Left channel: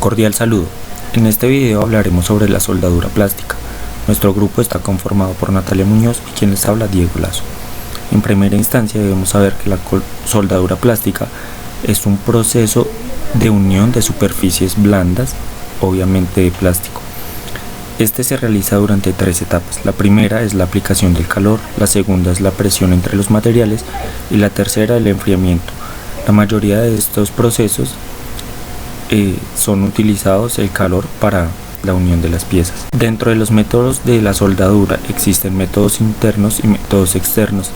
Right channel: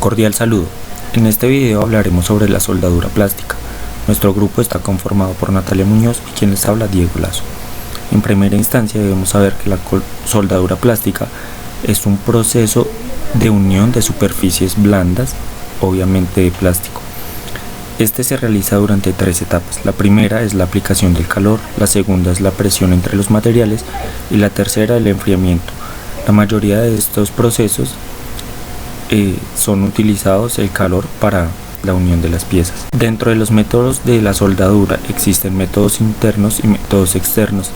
Cordial saludo. En este video hablaremos sobre la soldadura plástica. Nuestro grupo está conformado por Natalia Muñoz y quien les habla, Diego Lazo. En primera instancia debemos saber que la soldadura plástica es un proceso de unión de superficies blandas, obviamente de plástico. Este se realiza durante 3 etapas. La primera es la aplicación del calor, la segunda es la presión entre los materiales y la tercera el enfriamiento. La mayoría de estos procesos son utilizados el calor para la unión de las piezas. Dentro de los métodos de la soldadura existen métodos internos y métodos externos.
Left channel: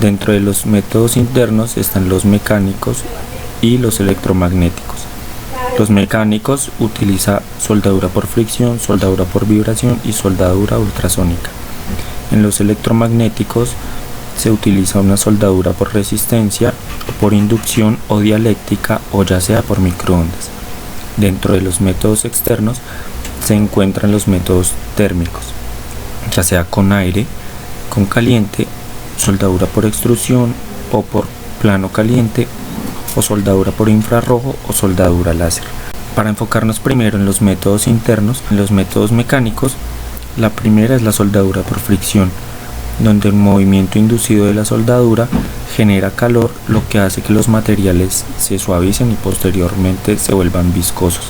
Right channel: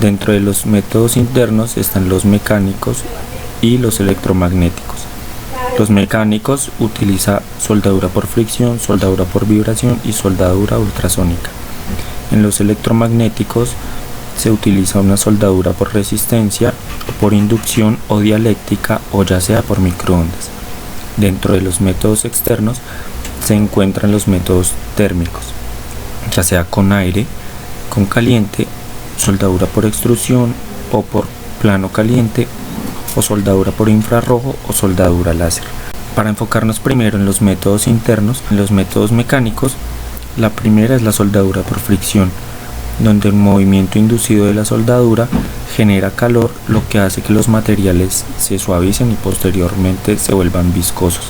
Dentro de los métodos internos están los mecánicos y los electromagnéticos. Los mecánicos utilizan soldadura por fricción, soldadura por vibración y soldadura ultrasónica. En los electromagnéticos se utiliza una soldadura por resistencia, por inducción o dialéctrica, o ya sea por microondas. Dentro de los métodos externos se encuentran los métodos térmicos, ya sea con aire, con caliente, soldadura por extrusión o por plano caliente, o soldadura por infrarrojo o soldadura láser. Para enfocarnos primero en los métodos internos, en los métodos mecánicos, la primera es la soldadura por fricción, donde el movimiento inducido de la soldadura genera calor, lo que hace que los materiales se suavicen y posteriormente se vuelvan viscosos.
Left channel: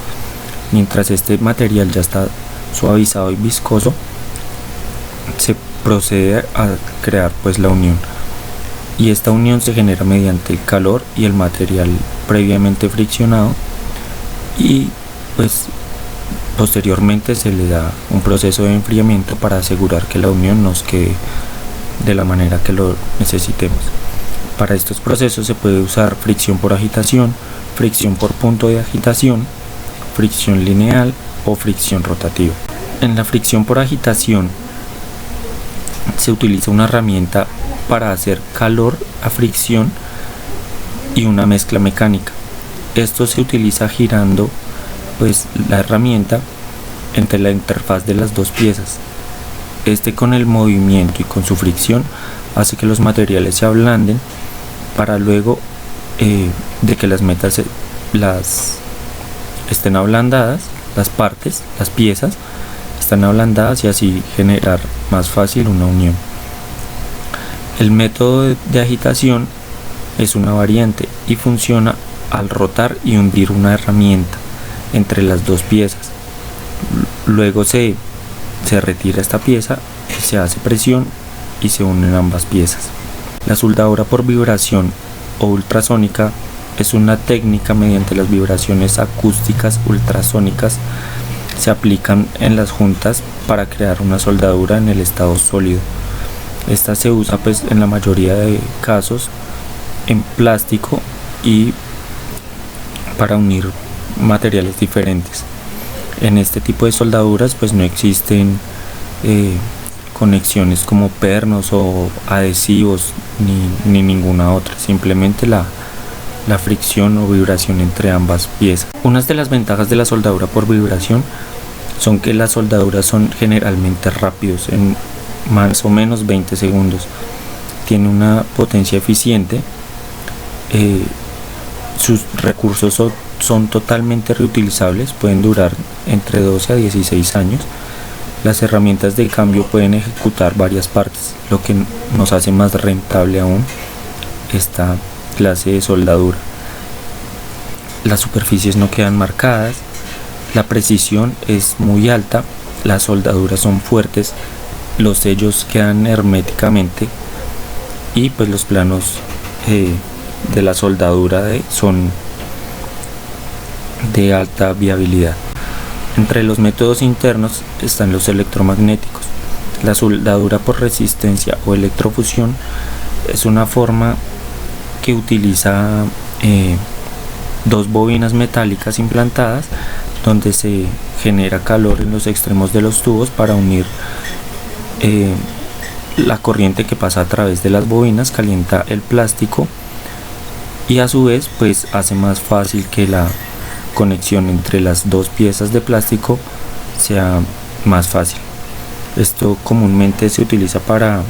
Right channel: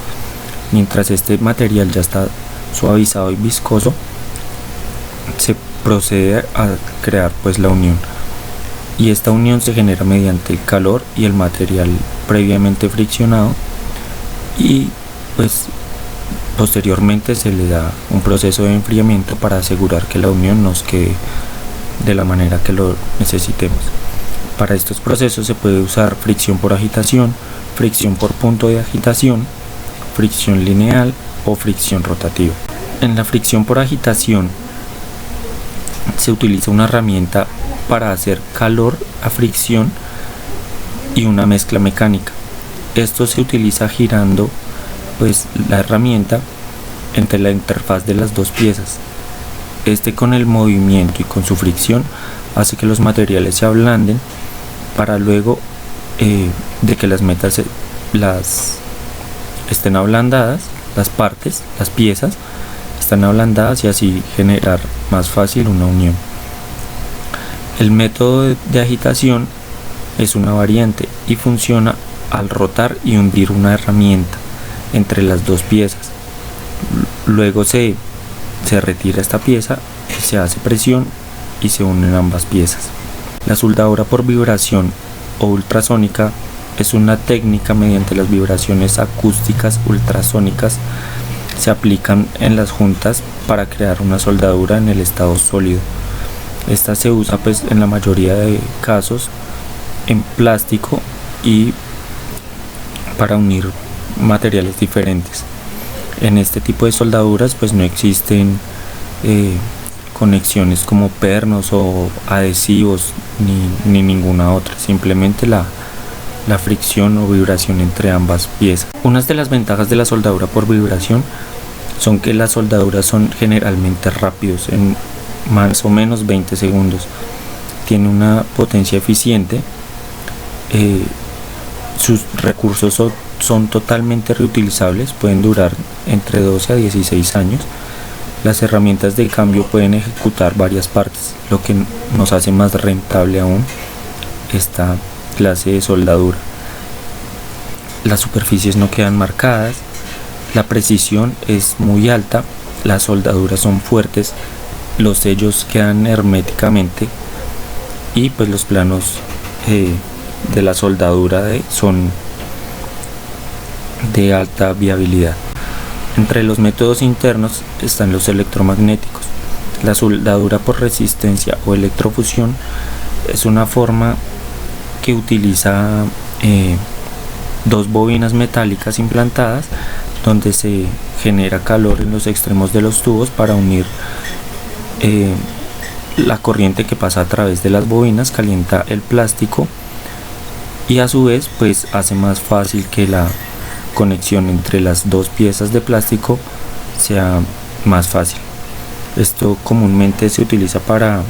Mientras este material ya está suavizado y viscoso, se procede a crear la unión, y esta unión se genera mediante el calor y el material previamente friccionado, y posteriormente se le da un proceso de enfriamiento para asegurar que la unión nos quede de la manera que lo necesitemos. Para estos procesos se puede usar fricción por agitación, fricción por punto de agitación, fricción lineal o fricción rotativa. En la fricción por agitación se utiliza una herramienta para hacer calor a fricción y una mezcla mecánica. Esto se utiliza girando la herramienta entre la interfaz de las dos piezas. Con el movimiento y con su fricción hace que los materiales se ablanden para luego de que las estén ablandadas, las piezas están ablandadas, y así generar más fácil una unión. El método de agitación es una variante y funciona al rotar y hundir una herramienta entre las dos piezas. Luego se retira esta pieza, se hace presión y se unen ambas piezas. La soldadura por vibración o ultrasónica es una técnica mediante las vibraciones acústicas ultrasónicas se aplican en las juntas para crear una soldadura en el estado sólido. Esta se usa en la mayoría de casos en plástico y para unir materiales diferentes. En este tipo de soldaduras no existen conexiones como pernos o adhesivos ni ninguna otra, simplemente la fricción o vibración entre ambas piezas. Unas de las ventajas de la soldadura por vibración son que las soldaduras son generalmente rápidos, en más o menos 20 segundos. Tiene una potencia eficiente, sus recursos son totalmente reutilizables, pueden durar entre 12 a 16 años. Las herramientas de cambio pueden ejecutar varias partes, lo que nos hace más rentable aún esta clase de soldadura. Las superficies no quedan marcadas, la precisión es muy alta, las soldaduras son fuertes, los sellos quedan herméticamente, y los planos de la soldadura son de alta viabilidad. Entre los métodos internos están los electromagnéticos. La soldadura por resistencia o electrofusión es una forma que utiliza dos bobinas metálicas implantadas, donde se genera calor en los extremos de los tubos para unir la corriente que pasa a través de las bobinas, calienta el plástico y a su vez hace más fácil que la conexión entre las dos piezas de plástico sea más fácil. Esto comúnmente se utiliza para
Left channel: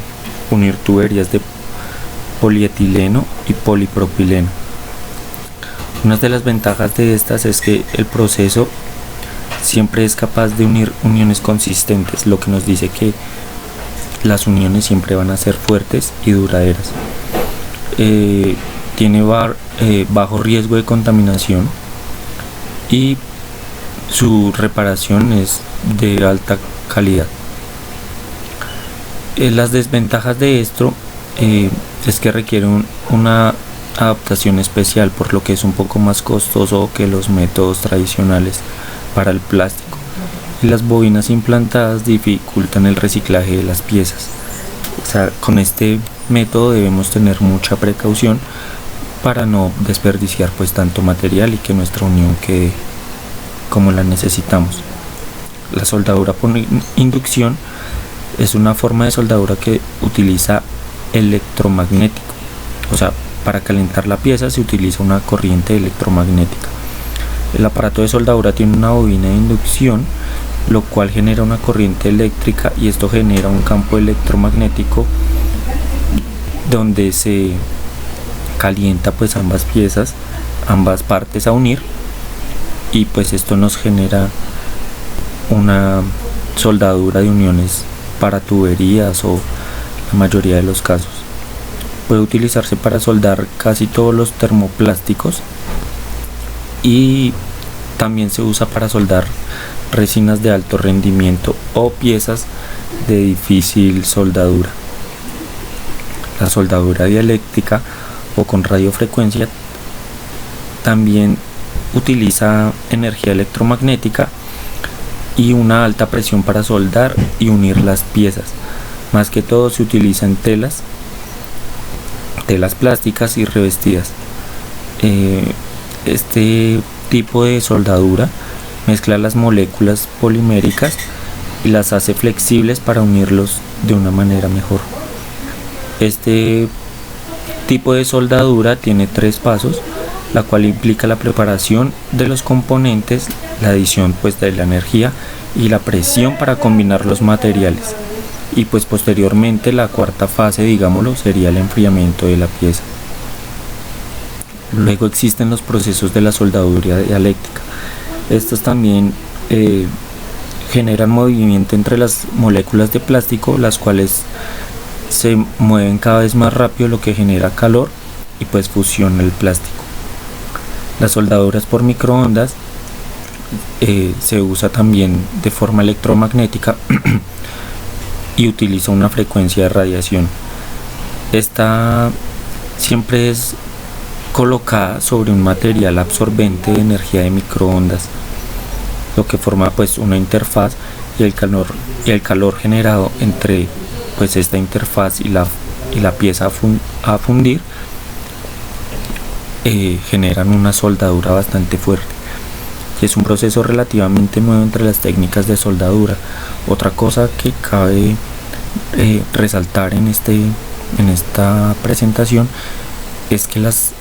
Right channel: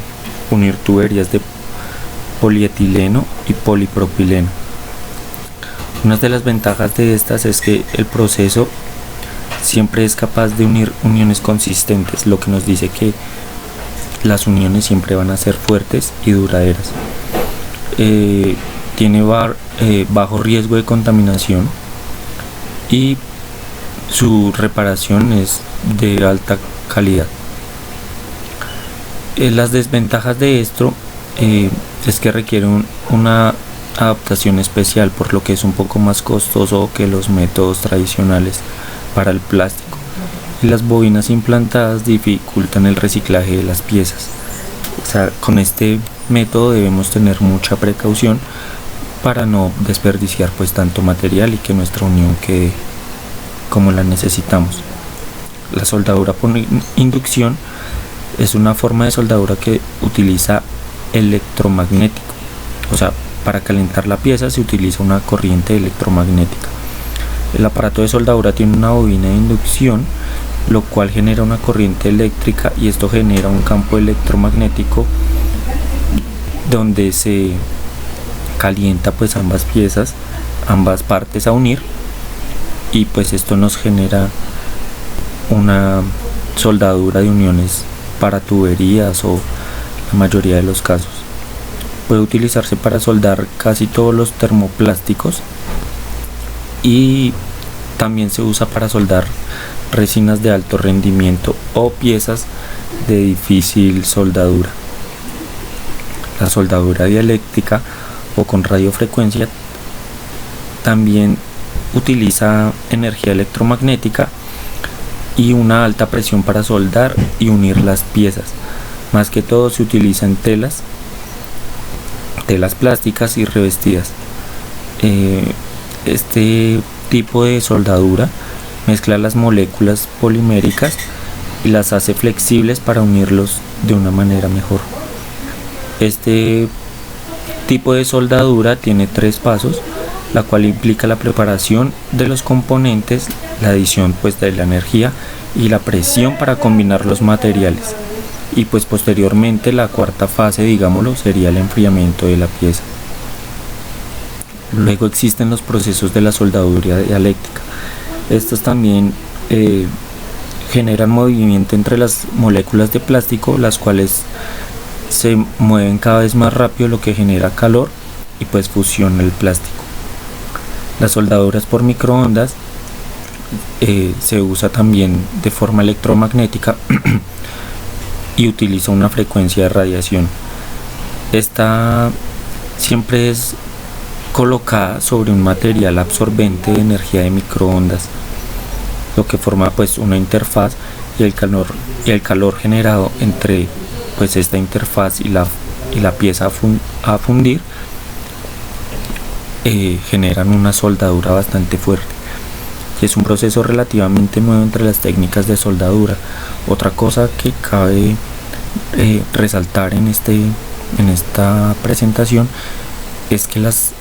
unir tuberías de polietileno y polipropileno. Una de las ventajas de estas es que el proceso siempre es capaz de unir uniones consistentes, lo que nos dice que las uniones siempre van a ser fuertes y duraderas. Tiene bajo riesgo de contaminación y su reparación es de alta calidad. Las desventajas de esto es que requiere una adaptación especial, por lo que es un poco más costoso que los métodos tradicionales para el plástico, y las bobinas implantadas dificultan el reciclaje de las piezas. O sea, con este método debemos tener mucha precaución para no desperdiciar pues tanto material y que nuestra unión quede como la necesitamos. La soldadura por inducción es una forma de soldadura que utiliza electromagnético. O sea, para calentar la pieza se utiliza una corriente electromagnética. El aparato de soldadura tiene una bobina de inducción, lo cual genera una corriente eléctrica, y esto genera un campo electromagnético donde se calienta pues ambas piezas, ambas partes a unir, y pues esto nos genera una soldadura de uniones para tuberías o la mayoría de los casos. Puede utilizarse para soldar casi todos los termoplásticos y también se usa para soldar resinas de alto rendimiento o piezas de difícil soldadura. La soldadura dieléctrica o con radiofrecuencia también utiliza energía electromagnética y una alta presión para soldar y unir las piezas. Más que todo se utilizan telas plásticas y revestidas. Este tipo de soldadura mezcla las moléculas poliméricas y las hace flexibles para unirlos de una manera mejor. Este tipo de soldadura tiene 3 pasos, la cual implica la preparación de los componentes, la adición pues de la energía y la presión para combinar los materiales, y pues posteriormente la cuarta fase, digámoslo, sería el enfriamiento de la pieza. Luego existen los procesos de la soldadura dialéctrica. Estos también generan movimiento entre las moléculas de plástico, las cuales se mueven cada vez más rápido, lo que genera calor y pues fusiona el plástico. Las soldaduras por microondas se usa también de forma electromagnética y utiliza una frecuencia de radiación. Esta siempre es colocada sobre un material absorbente de energía de microondas, lo que forma pues una interfaz, y el calor generado entre pues esta interfaz y la pieza a fundir generan una soldadura bastante fuerte. Y es un proceso relativamente nuevo entre las técnicas de soldadura. Otra cosa que cabe resaltar en esta presentación es que las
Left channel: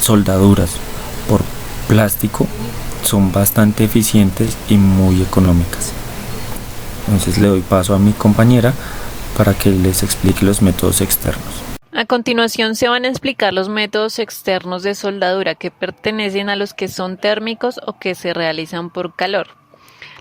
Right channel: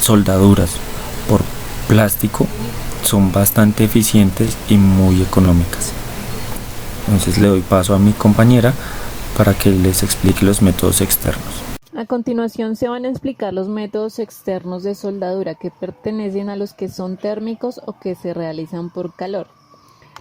soldaduras por plástico son bastante eficientes y muy económicas. Entonces le doy paso a mi compañera para que les explique los métodos externos. A continuación se van a explicar los métodos externos de soldadura, que pertenecen a los que son térmicos o que se realizan por calor.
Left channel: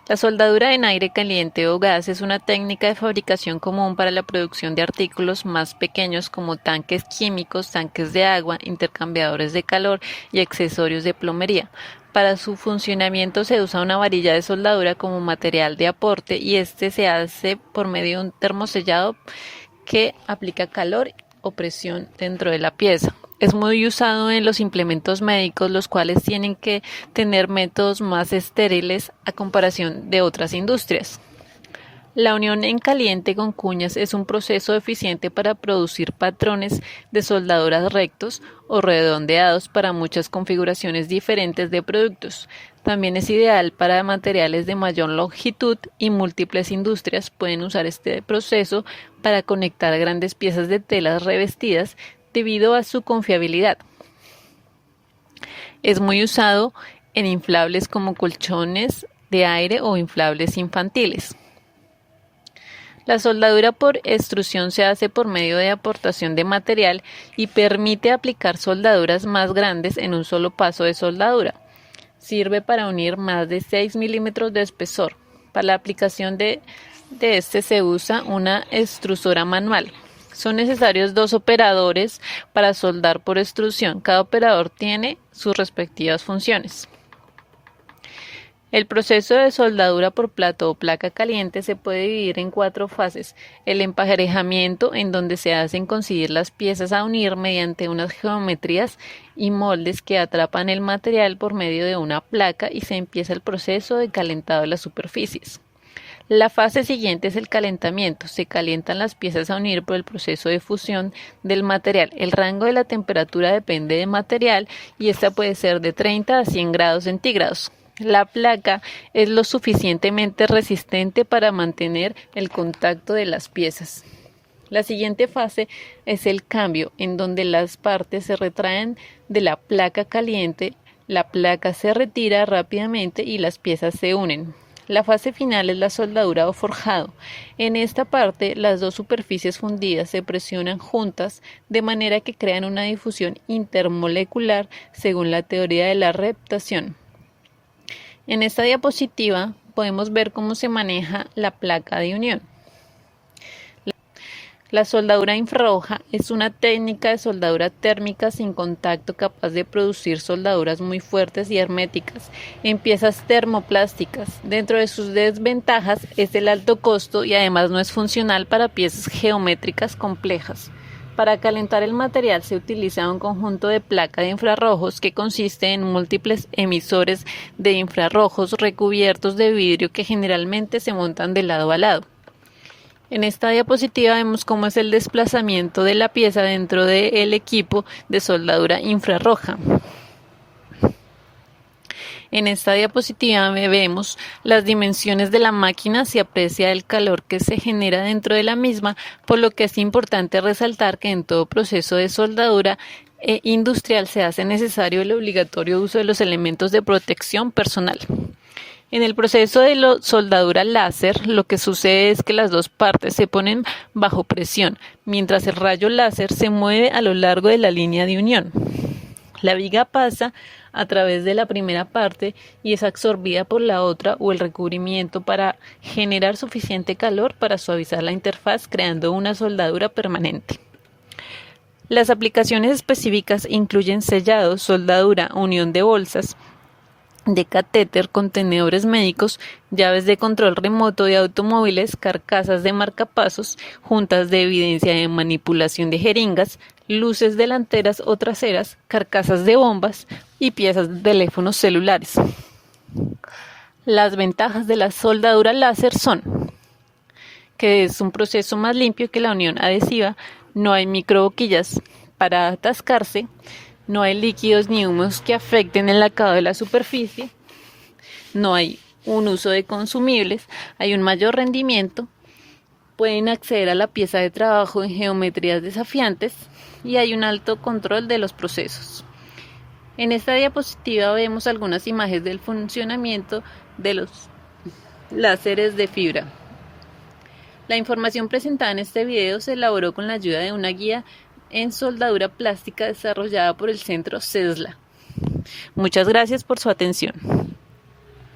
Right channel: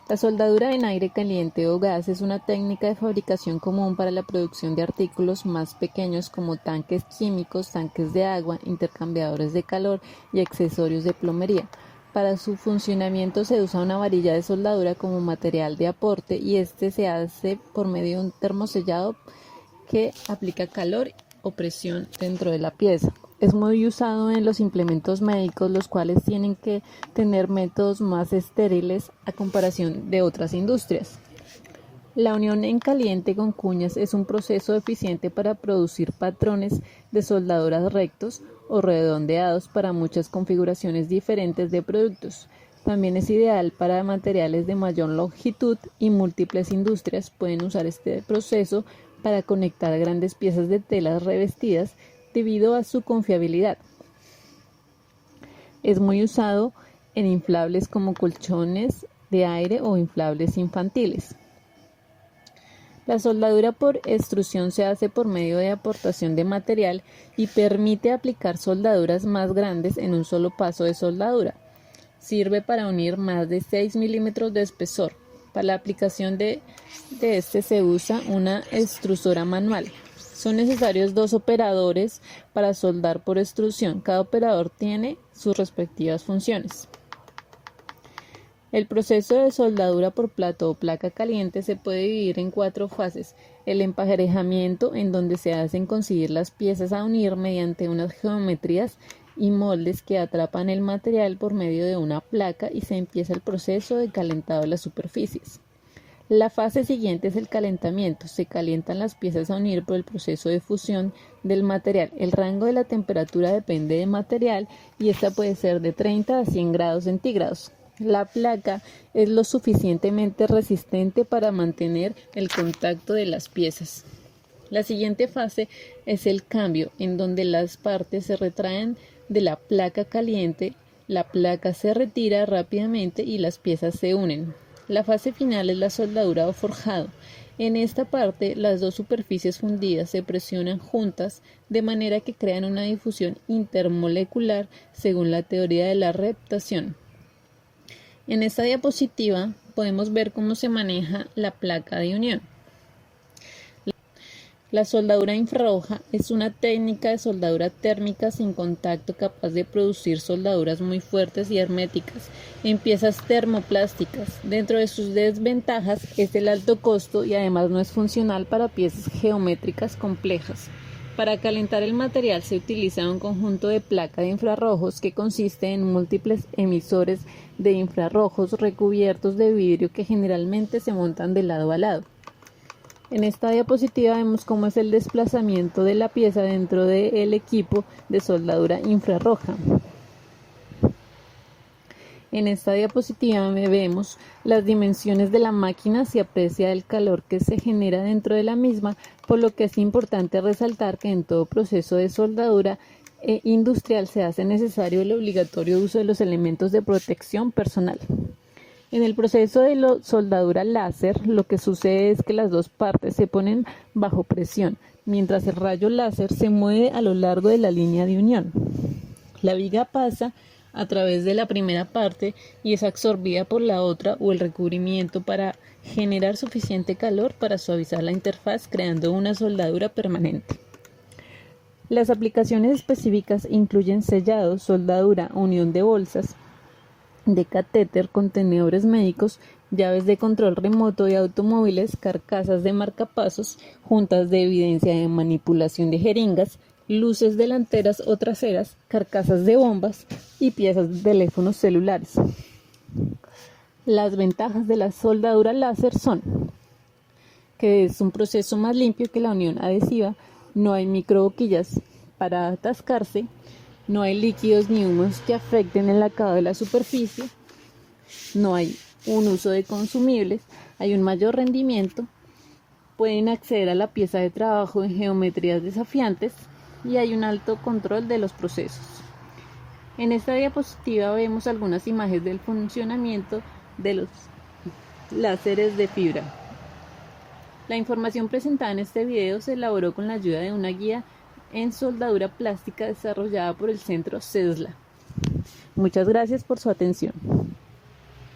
La soldadura en aire caliente o gas es una técnica de fabricación común para la producción de artículos más pequeños como tanques químicos, tanques de agua, intercambiadores de calor y accesorios de plomería. Para su funcionamiento se usa una varilla de soldadura como material de aporte, y este se hace por medio de un termosellado que aplica calor o presión dentro de la pieza. Es muy usado en los implementos médicos, los cuales tienen que tener métodos más estériles a comparación de otras industrias. La unión en caliente con cuñas es un proceso eficiente para producir patrones de soldaduras rectos o redondeados para muchas configuraciones diferentes de productos. También es ideal para materiales de mayor longitud, y múltiples industrias pueden usar este proceso para conectar grandes piezas de telas revestidas debido a su confiabilidad. Es muy usado en inflables como colchones de aire o inflables infantiles. La soldadura por extrusión se hace por medio de aportación de material y permite aplicar soldaduras más grandes en un solo paso de soldadura. Sirve para unir más de 6 milímetros de espesor. Para la aplicación de este se usa una extrusora manual. Son necesarios 2 operadores para soldar por extrusión. Cada operador tiene sus respectivas funciones. El proceso de soldadura por plato o placa caliente se puede dividir en 4 fases. El emparejamiento, en donde se hacen coincidir las piezas a unir mediante unas geometrías y moldes que atrapan el material por medio de una placa, y se empieza el proceso de calentado de las superficies. La fase siguiente es el calentamiento. Se calientan las piezas a unir por el proceso de fusión del material. El rango de la temperatura depende del material y esta puede ser de 30 a 100 grados centígrados. La placa es lo suficientemente resistente para mantener el contacto de las piezas. La siguiente fase es el cambio, en donde las partes se retraen de la placa caliente, la placa se retira rápidamente y las piezas se unen. La fase final es la soldadura o forjado. En esta parte, las 2 superficies fundidas se presionan juntas de manera que crean una difusión intermolecular según la teoría de la reptación. En esta diapositiva podemos ver cómo se maneja la placa de unión. La soldadura infrarroja es una técnica de soldadura térmica sin contacto capaz de producir soldaduras muy fuertes y herméticas en piezas termoplásticas. Dentro de sus desventajas es el alto costo y además no es funcional para piezas geométricas complejas. Para calentar el material se utiliza un conjunto de placa de infrarrojos que consiste en múltiples emisores de infrarrojos recubiertos de vidrio que generalmente se montan de lado a lado. En esta diapositiva vemos cómo es el desplazamiento de la pieza dentro del equipo de soldadura infrarroja. En esta diapositiva vemos las dimensiones de la máquina, se aprecia el calor que se genera dentro de la misma, por lo que es importante resaltar que en todo proceso de soldadura industrial se hace necesario el obligatorio uso de los elementos de protección personal. En el proceso de soldadura láser, lo que sucede es que las 2 partes se ponen bajo presión, mientras el rayo láser se mueve a lo largo de la línea de unión. La viga pasa a través de la primera parte y es absorbida por la otra o el recubrimiento para generar suficiente calor para suavizar la interfaz, creando una soldadura permanente. Las aplicaciones específicas incluyen sellado, soldadura, unión de bolsas de catéter, contenedores médicos, llaves de control remoto de automóviles, carcasas de marcapasos, juntas de evidencia de manipulación de jeringas, luces delanteras o traseras, carcasas de bombas y piezas de teléfonos celulares. Las ventajas de la soldadura láser son que es un proceso más limpio que la unión adhesiva, no hay microboquillas para atascarse, no hay líquidos ni humos que afecten el acabado de la superficie, no hay un uso de consumibles, hay un mayor rendimiento, pueden acceder a la pieza de trabajo en geometrías desafiantes y hay un alto control de los procesos. En esta diapositiva vemos algunas imágenes del funcionamiento de los láseres de fibra. La información presentada en este video se elaboró con la ayuda de una guía en soldadura plástica desarrollada por el Centro CESLA. Muchas gracias por su atención.